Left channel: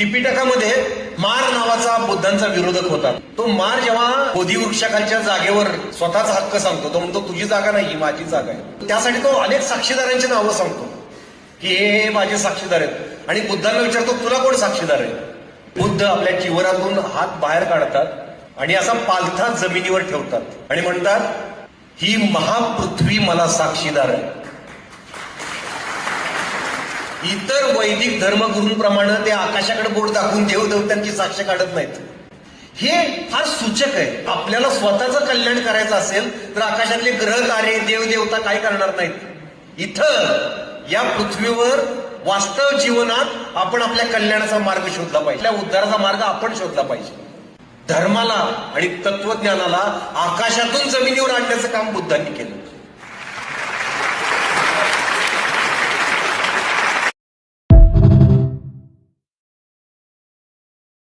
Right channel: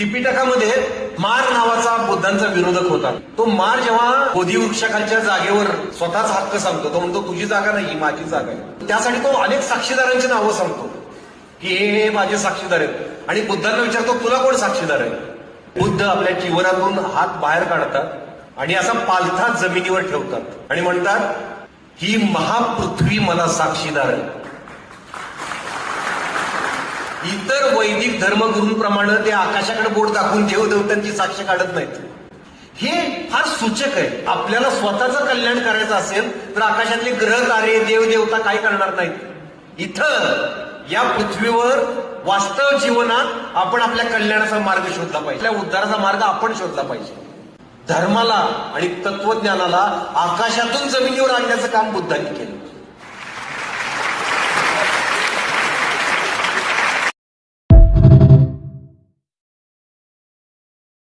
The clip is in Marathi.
त्रिपिटकामध्ये मार नावाचा बुद्धांचा विरोधक होता. तो मार जेव्हा बोधिवृक्षाखालच्या जागेवर स्वतःचा हक्क सांगतो, तो म्हणतो तुझी जागा नाही, ही माझी जागा आहे. त्यासाठी तो अनेक साक्षीदारांची नावं सांगतो की हे माझे साक्षीदार आहेत. आणि बुद्धांना विचारतो तुला कोण साक्षीदार आहे. बुद्ध आपल्या जीवनातून हात बाहेर काढतात आणि असा पालथा जमिनीवर ठेवतात आणि म्हणतात ही महापृथ्वी मला साक्षीदार आहे. इतर वैदिक धर्मगुरूंप्रमाणे ते आकाशाकडे बोट दाखवून देवदेवतांची साक्ष काढत नाहीत. हे फार सूचक आहे. आपल्याला स्वतःचं कल्याण करायचं असेल तर आकाशातले ग्रह तारे देवदेवता काय करणार नाहीत. इथं या पृथ्वीवर वास्तव जीवनात आपण आपल्या कल्याणाचा मार्ग शोधला पाहिजे. आपल्या उद्धाराचा मार्ग आपण शोधला पाहिजे. धर्माला आणि तत्वज्ञानाला आकाशातून जमिनीवर आणण्याचं काम बुद्धांनी केलं.